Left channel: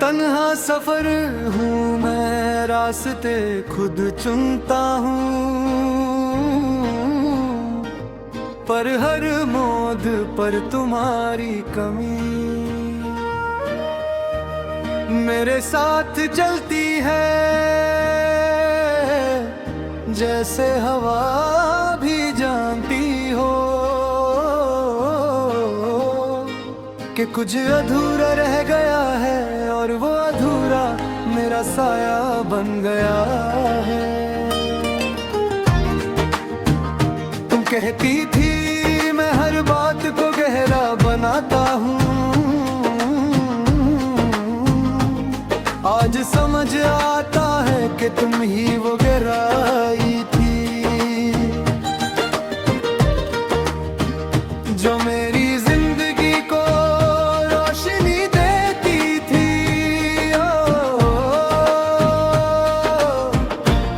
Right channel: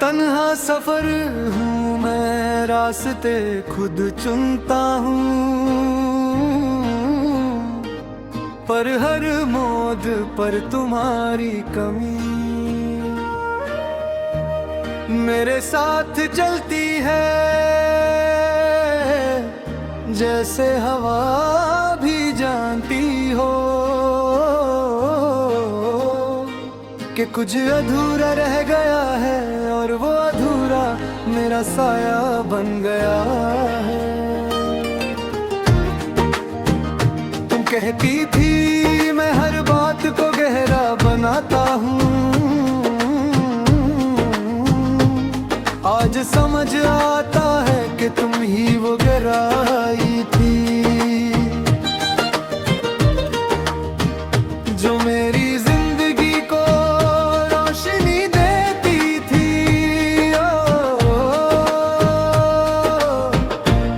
तन्हा सफर हूँ मैं, रास्ते खुद चुनता हूँ, पर हर मोड़ पर तुम्हारी कमी मेरे साथ चलती है। जैसे हवा भी जानती हो कि कुछ अधूरा रह गया है, और वो अधूरा मेरा साया बन गया है। तुम कहती थी मैं हर बात को गहरा बनाता हूँ, आज समझ आता है कि तुम ही वो गहराई थी जो मेरी जिंदगी को रोशनी देती थी।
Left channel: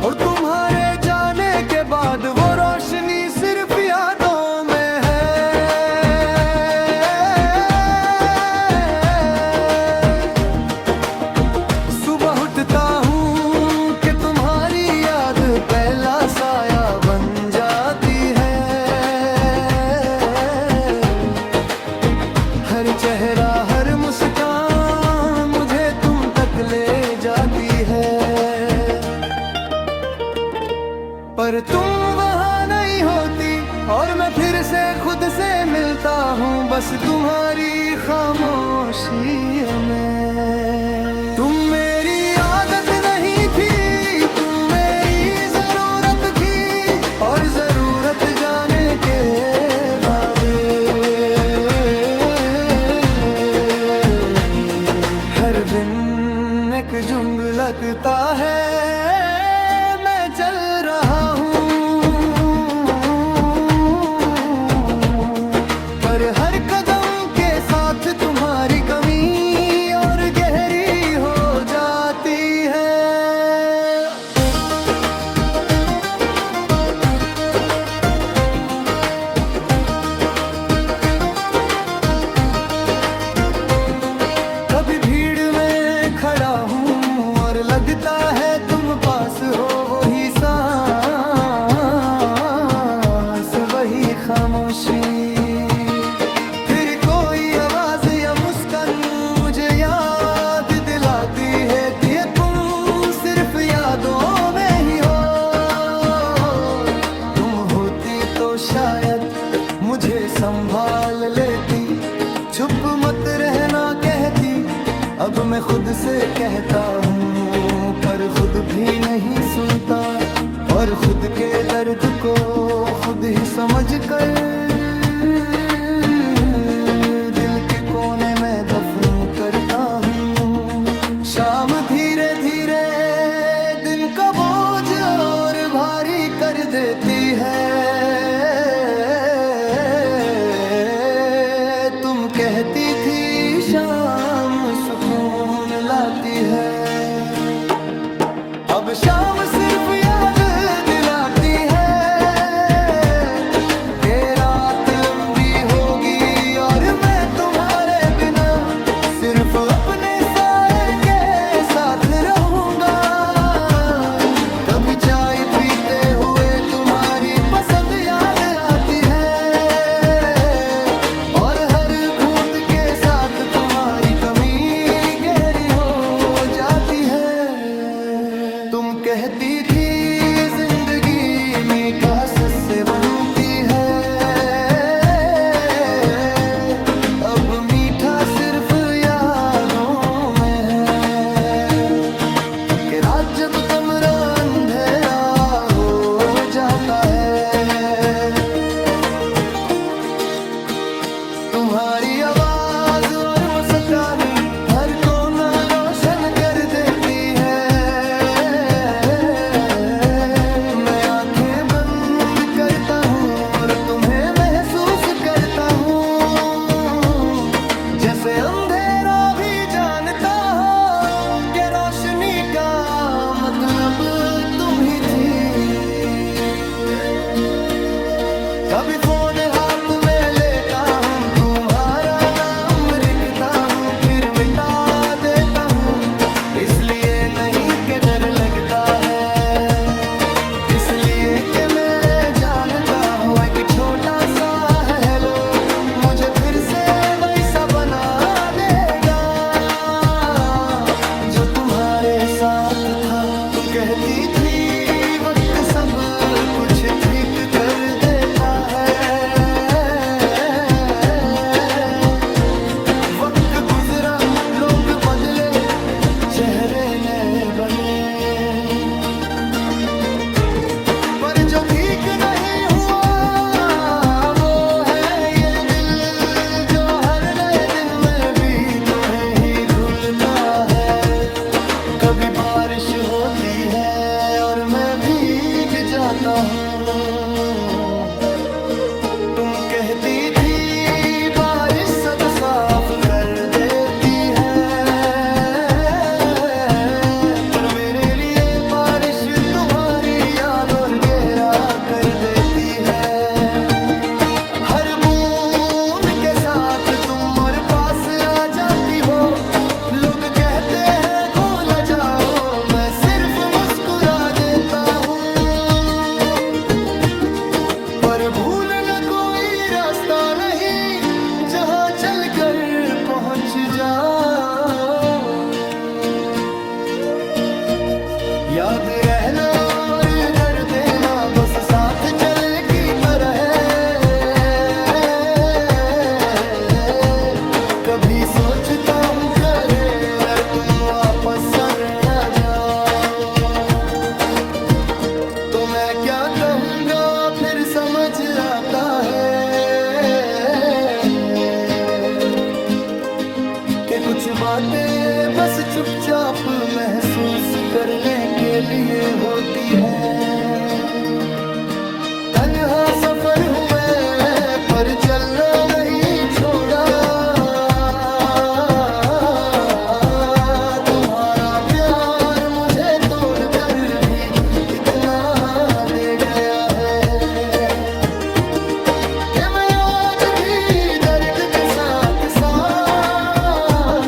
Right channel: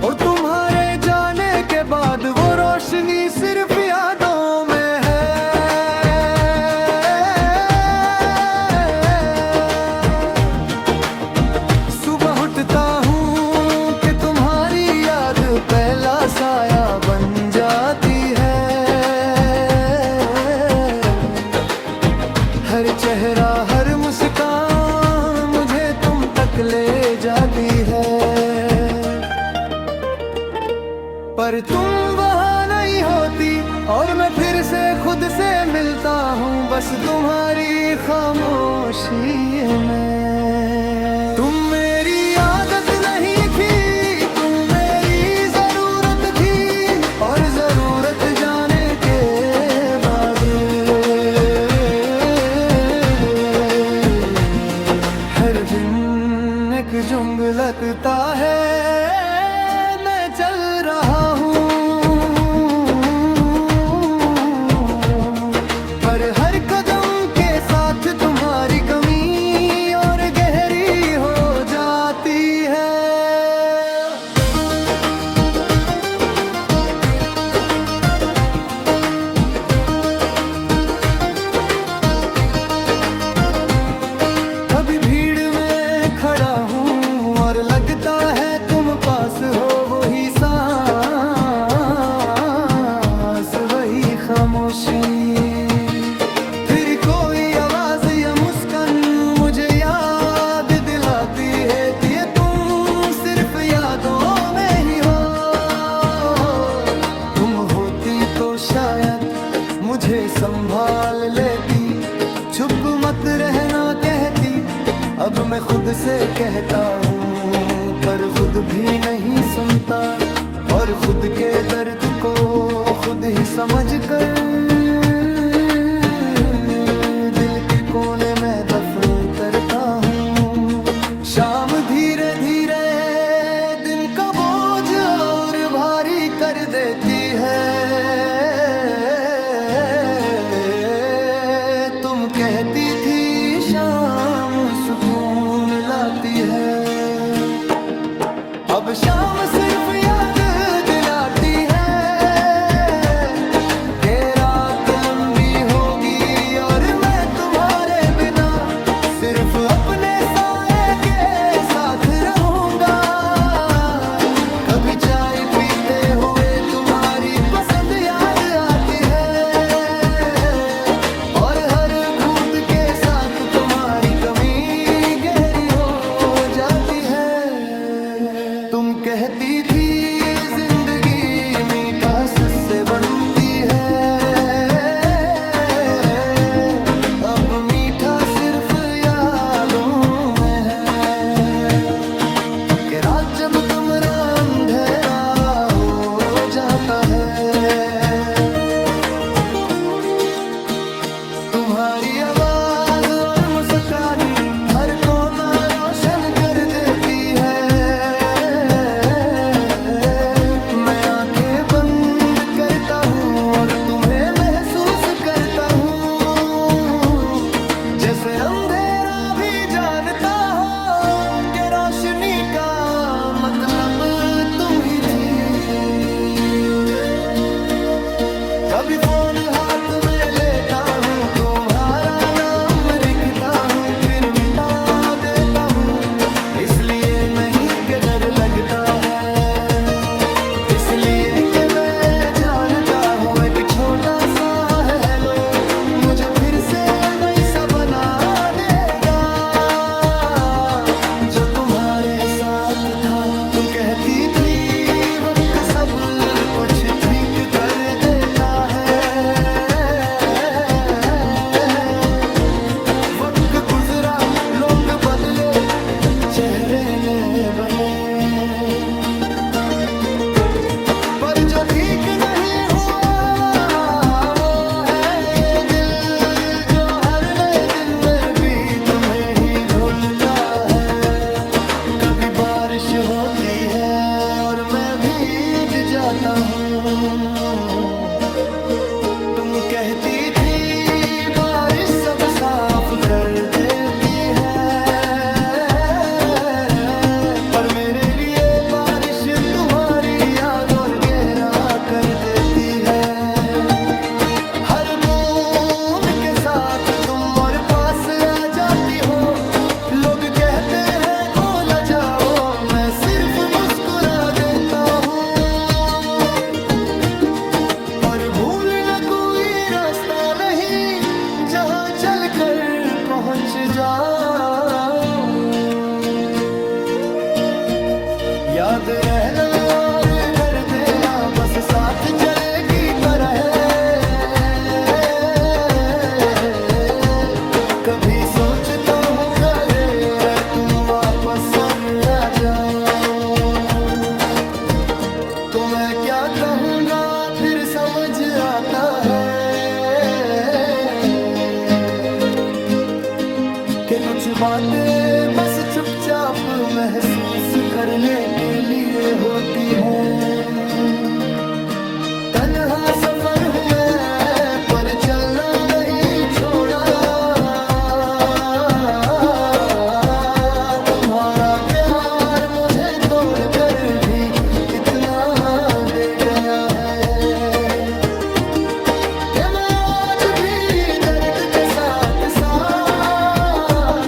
और तुम्हारे जाने के बाद वो रोशनी सिर्फ यादों में है। सुबह उठता हूँ कि तुम्हारी याद पहला साया बन जाती है। हर चेहरा हर मुस्कान मुझे तुम तक ले जाती है, पर तुम वहाँ नहीं होती और मैं फिर से खुद से मिलता हूँ, बस तुम्हारी खामोशी में। तुम मेरी आदत नहीं थी, तुम मेरी जरूरत थी, और जरूरत जाने के बाद हर दिन एक जुंग लगता है। मैं चल रहा हूँ पर हर कदम के साथ तुम्हारी कमी और गहरी हो जाती है। कभी भीड़ में खड़ा हूँ और लगता है तुम पास हो, वही सांस वही खामोशी। फिर कोई आवाज या मुस्कान मुझे याद दिलाती है कि तुम सिर्फ यादों में ही हो। तुम होती तो शायद मुझे संभाल लेती, चुप मत रहना कहती। अब मैं खुद से कहता हूँ पर खुद भी नहीं सुनता, और खुद के दर्द को खुद ही समझ कर दिल के कोने में दफन करता हूँ। शाम धीरे धीरे दिन का बोझ और भारी कर देती है। तुम कहती थी शाम सुकून लाती है, अब शाम सिर्फ याद दिलाती है कि रात लंबी होगी और मैं तुम्हारे बिना सिर्फ अपने साए के साथ रहूंगा। कभी चाय पीते हुए तुम्हारी पसंद याद आती है, और हर घूंट के साथ तुम्हारी कमी गहरी हो जाती है। तुम कहती थी जिंदगी मीठास से बनती है, अब मीठा सिर्फ यादों में है कि रात जब कमरा अंधेरा हो जाता है, तुम्हारी आवाज और मुस्कान हर कोना रोशन कर देती है। मैं आंखें बंद करता हूँ और तुम्हें महसूस करता हूँ, जैसे अंधेरा भी जानता हो कि रोशनी का मतलब तुम ही थी। कभी फोन हाथ में लेता हूँ, तुम्हारा नाम लिखता हूँ, फिर मिटा देता हूँ, इसलिए नहीं कि डर लगता है, इसलिए कि मैं जानता हूँ एक छोटा सा हेलो मुझे फिर से वैसा बना देगा जो तुम्हारे साथ था। तुम कहती थी वक्त सब कुछ ठीक कर देता है, वक्त गुजरा लोग बदले चेहरे ने बने, पर जो ठीक नहीं हुआ वो है ये दिल जो हर नए दिन में भी तुम्हें ही भूलता है। कभी बारिश होती है और मैं भीग जाता हूँ, तुम कहती थी बारिश सब साफ कर देती है, पर मेरे लिए बारिश तुम्हारी याद और गहरा कर देती है। हर बूंद के साथ तुम और पास आ जाती हो, लोग कहते हैं को न जाओ, मैं सिर्फ मुस्कुरा देता हूँ, पर भूलना कोई रास्ता नहीं जहाँ चलकर पहुँच जाओ। याद रहना और कर देना बस साथ चले की तरह है, कभी सोचता हूँ करे यार तुम वापस आ जाओ, तो मैं क्या कहूँगा फिर समझ आता है कि कुछ बातें बस चुपचाप महसूस करने के लिए होती हैं। तन्हा सफर हूँ मैं पर चलना नहीं छोड़ा, तुम्हारा प्यार मुझे तोड़कर भी इतना दे गया है कि मैं आज भी दर्द के साथ साथ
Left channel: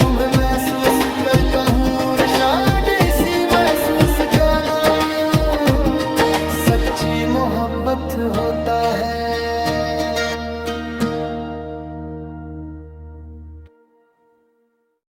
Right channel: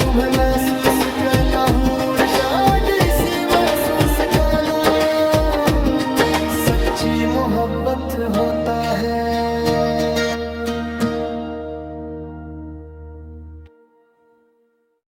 तुम्हें महसूस करता हूँ। शायद इसी महसूस का नाम सच्ची मोहब्बत होता है।